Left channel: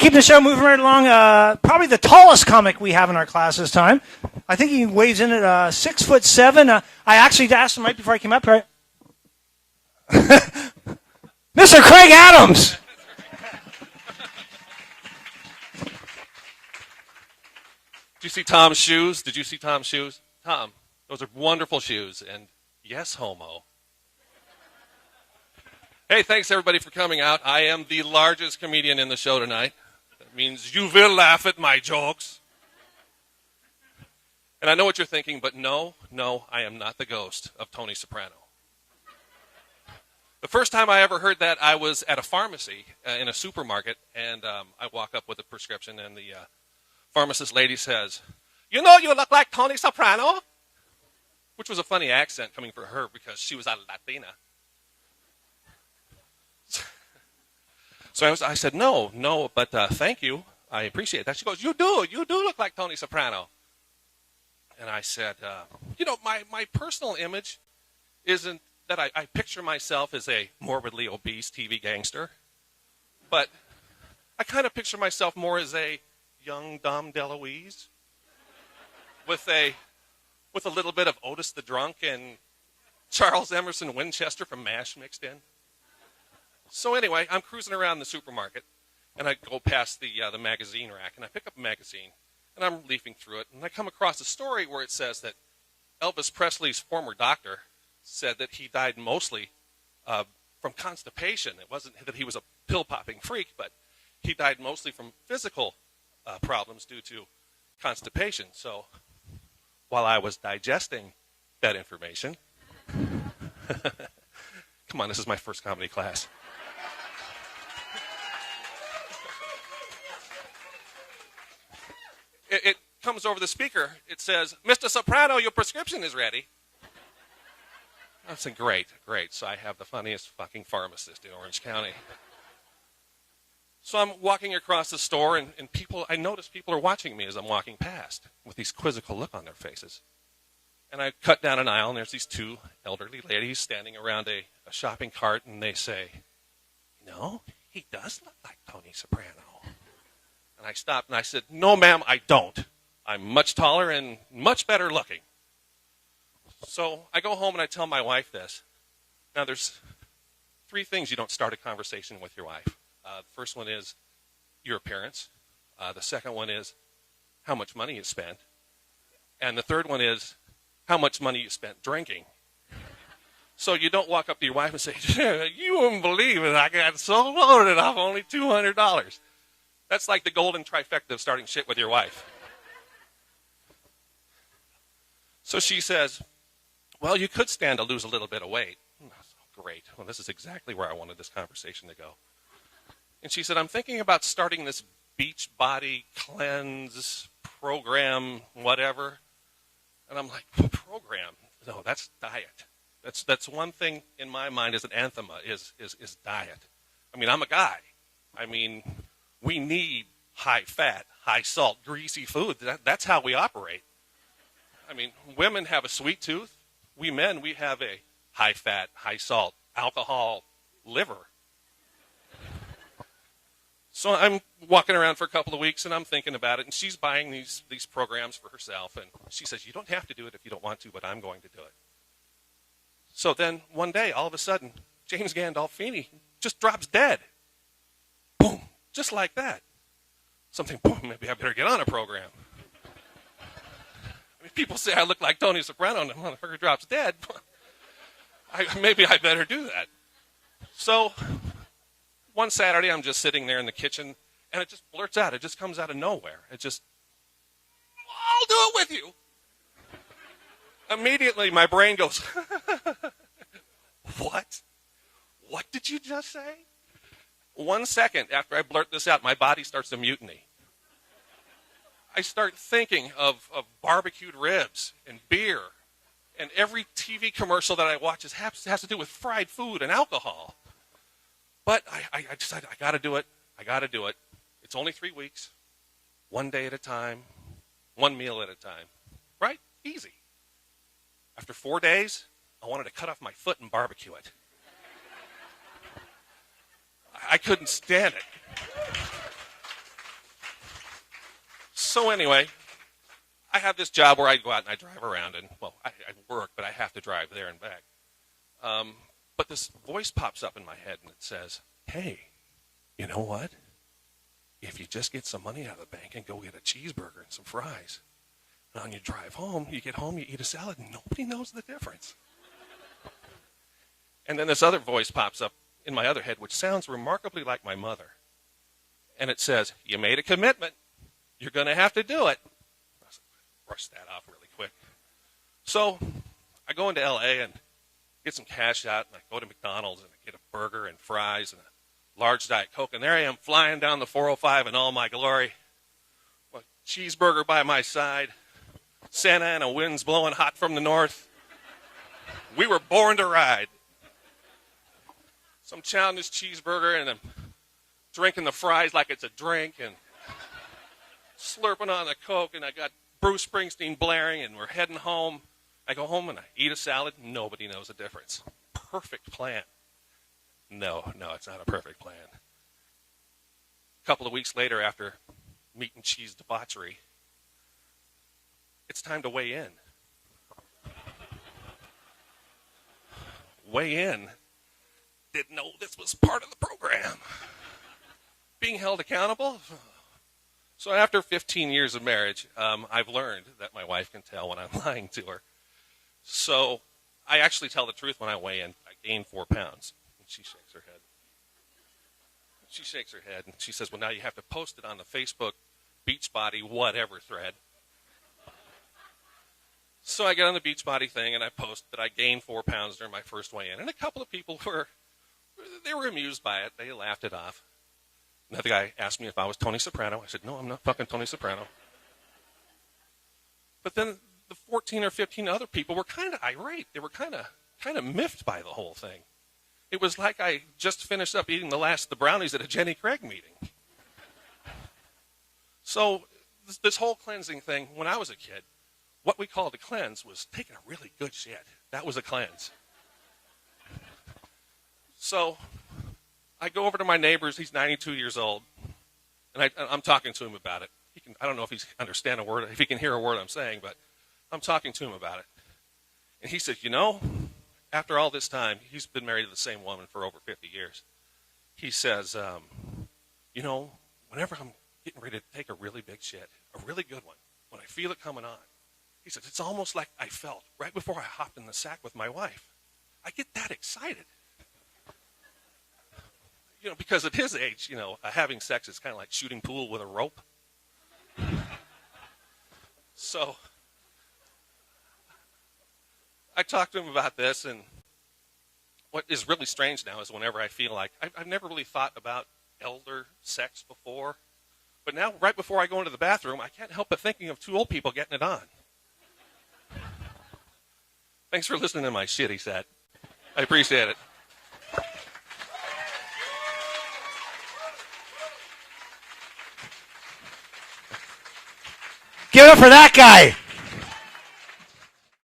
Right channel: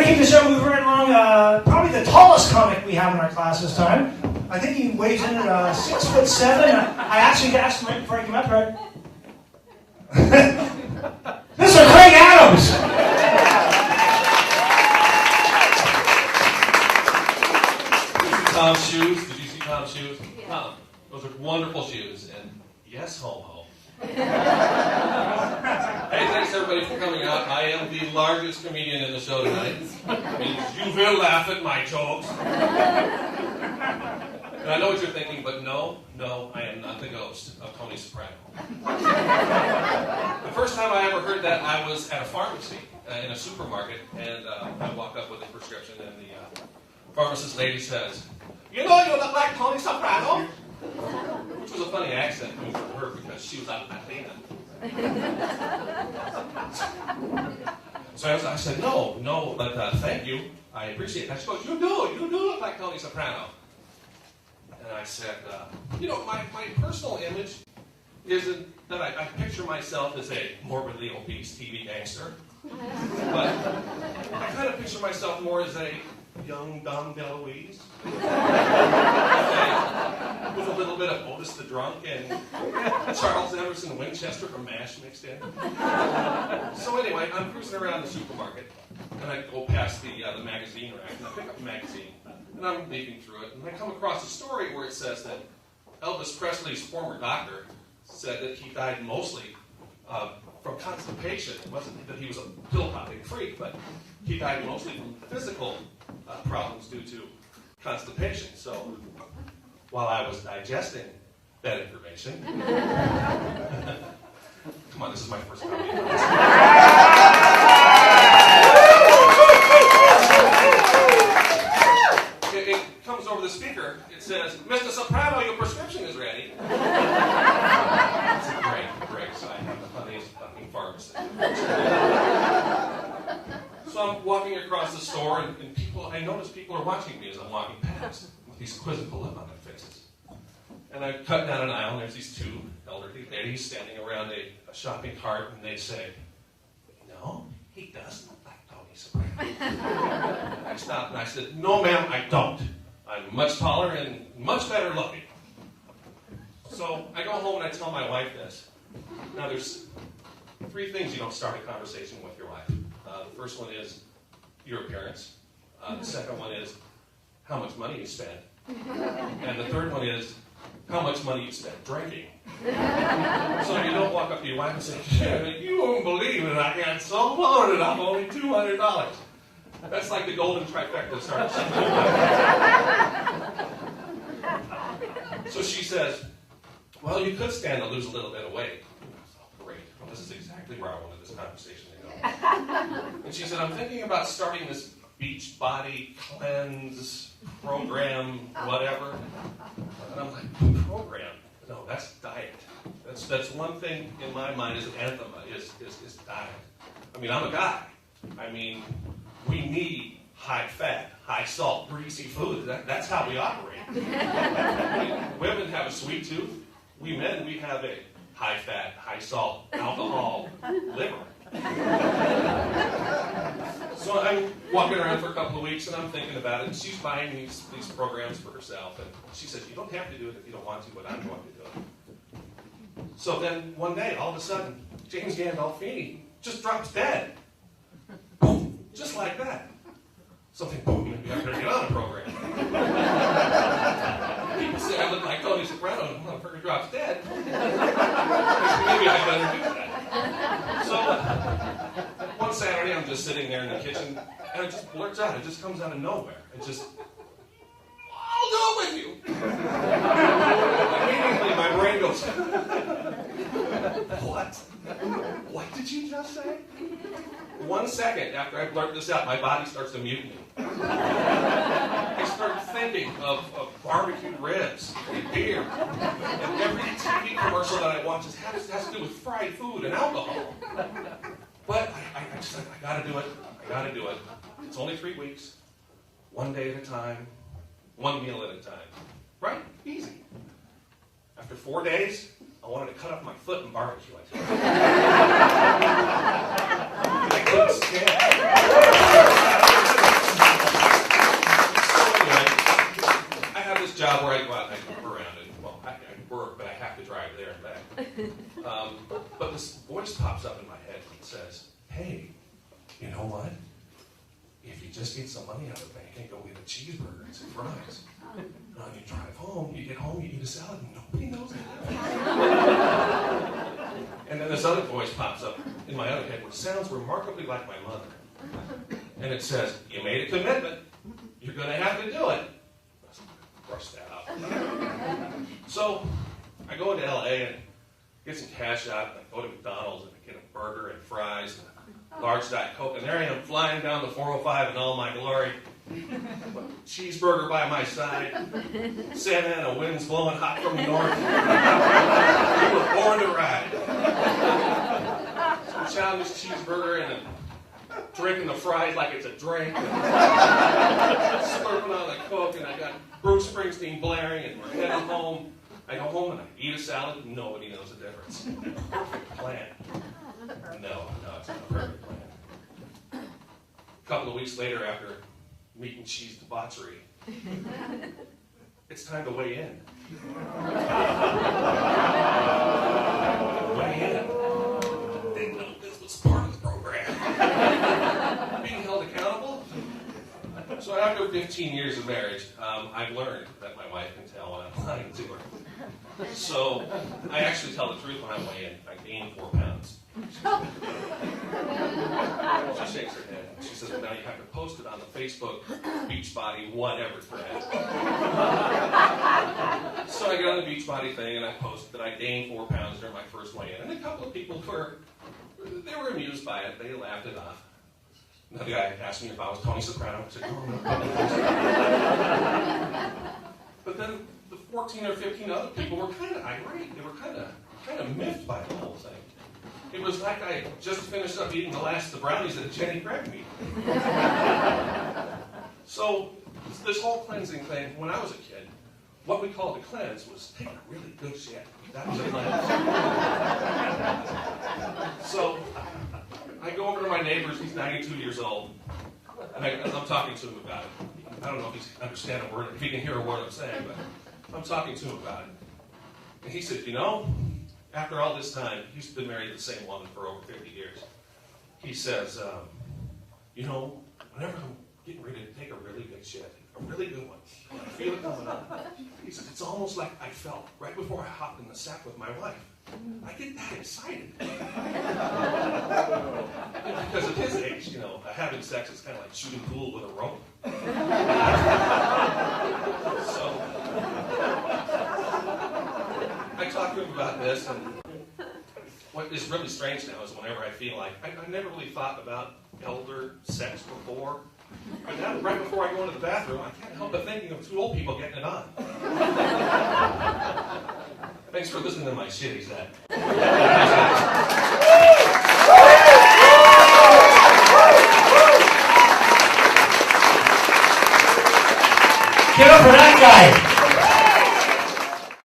to keep the show moving right along. Probably the tallest comic we have in our class this time. I think he weighs in at 6'7". I actually asked him right before I came up here. Mr. Craig Adams. Did you see Tom's shoes? Did you see Tom's shoes? Tom, those are wonderful shoes. And yes, homo. Hey, thanks everybody for coming out. I am the largest comedian in the show tonight. Means you will laugh at my jokes. And I know what you're thinking, but no, I am not the ghost of Tony Soprano. The first time I ever heard that, I was at a pharmacy in a supermarket, and I walk up with a prescription, and the pharmacist lady says, "You know you look like Tony Soprano?" Which was a funny accent coming from her because she was a Latina. So I said, no, but thank you. I appreciate that. She goes, you do look like Tony Soprano. And I said, my personal image isn't that I picture myself as a morbidly obese TV gangster, but I kind of picture myself more as a young Dom DeLuise with a little bit of Otis the Drunk and Charles Emerson Winchester from MASH mixed in. So anyway, I'm cruising around the supermarket, and I go past the magazine rack, and I pick up a magazine, and I'm leafing through it, and I come across a story where it says that Elvis Presley's former doctor said that he died mostly from constipation. It wasn't that he was a pill-popping freak, but he died mostly from physical problems due to constipation. So while I was digesting that information, come on, this is my first comedy class. It comes over the speaker. It says, "Mr. Soprano, your prescription is ready." I said, great. So I have the funniest fucking pharmacist in the world. So I'm walking across the store, and I notice people are watching me as I'm walking past with these quizzical look on their faces. And I cut down an aisle, and there's these two elderly ladies standing around a shopping cart, and they say, "No, he does look like Tony Soprano." And I stopped, and I said, "No, ma'am, I don't. I'm much taller and much better looking." So I go home, and I tell my wife this. Now, there's 3 things you don't start a conversation with your wife. The first one is your appearance. The second one is how much money you spent. And the third one is how much money you spent drinking. So you don't walk up to your wife and say, "You won't believe it, I got so loaded off only $200. That's like the golden trifecta of starting shit with your wife. So she says, "Well, you could stand to lose a little bit of weight." Great. Well, this is exactly where I wanted this conversation to go. And she said, "I'm thinking about starting this Beachbody cleanse program, whatever." And I'm like, "Program? No, that's diet. That's one thing in my mind as an anathema is diet. I mean, I'm a guy. I mean, we need high fat, high salt, greasy food. That's how we operate. I mean, women have a sweet tooth. We men, we have a high fat, high salt, alcohol liver." So I'm walking around for a couple of weeks, and I'm thinking about it, and she's buying these programs for herself, and she says, "You don't have to do it if you don't want to, but I'm going to do it." So then one day, all of a sudden, James Gandolfini just drops dead. Boom, just like that. Something, boom, maybe I better get on a program. People say I look like Tony Soprano, and the motherfucker drops dead. Maybe I better do that. So one Saturday, I'm just sitting there in the kitchen, and it just blurts out. It just comes out of nowhere. It just, "I'll do it with you." Immediately, my brain goes, "What? What did you just say?" 1 second after I blurt this out, my body starts to mutiny. I start thinking of barbecued ribs and beer, and every TV commercial that I watch has to do with fried food and alcohol. But I decided, I gotta do it. It's only 3 weeks, 1 day at a time, 1 meal at a time. Right? Easy. After 4 days, I wanted to cut off my foot and barbecue it. I couldn't stand it. job where I go out and I drive around, and well, I work, but I have to drive there and back. But this voice pops up in my head that says, "Hey, you know what? If you just get some money out of the bank and go get a cheeseburger and some fries, and on your drive home, you get home, you eat a salad, and nobody knows the difference." And then this other voice pops up in my other head, which sounds remarkably like my mother. And it says, "You made a commitment. You're going to have to do it." Brush that up. So I go into LA and get some cash out, and I go to McDonald's and I get a burger and fries and a large Diet Coke, and there I am flying down the 405 in all my glory. Cheeseburger by my side, Santa Ana winds blowing hot from the north. We were born to ride. Some childish cheeseburger and drinking the fries like it's a drink, and slurping on the Coke, and I got Bruce Springsteen blaring, and we're heading home. I go home and I eat a salad, and nobody knows the difference. Perfect plan. No, it's not a perfect plan. A couple of weeks later, after meat and cheese debauchery, it's time to weigh in. Weigh in. Didn't know this was part of the program. Being held accountable. So after 15 years of marriage, I've learned that my wife can tell when I'm lying to her. So I actually tell the truth when I weigh in. I gain 4 pounds. She shakes her head and she says, "Well, now you have to post it on the Facebook Beachbody whatever thread." So I get on the Beachbody thing and I post that I gained 4 pounds during my first weigh-in. And a couple of people were amused by it. They laughed it off. Another guy asked me if I was Tony Soprano. I said, "No, I'm not fucking Tony Soprano." But then the 14 or 15 other people were kind of irate. They were kind of miffed by the whole thing. It was like I just finished up eating the last of the brownies at a Jenny Craig meeting. So this whole cleansing thing, when I was a kid, what we called a cleanse was taking a really good shit. That was a cleanse. So I go over to my neighbor's, he's 92 years old, and I'm talking to him about it. I don't know if he understands a word, if he can hear a word I'm saying, but I'm talking to him about it. And he said, "You know, after all this time," he's been married to the same woman for over 50 years. He says, "You know, whenever I'm getting ready to take a really big shit, a really good one, when I feel it coming on," he says, "it's almost like I felt right before I hopped in the sack with my wife. I get that excited." Because at his age, you know, having sex is kind of like shooting pool with a rope. So I talked to him about this, and what is really strange now is whenever I feel like, I never really thought about elder sex before, but now right before I go into the bathroom, I can't help but thinking of 2 old people getting it on. Thanks for listening to my shit, he said. I appreciate it. Give it up for that guy.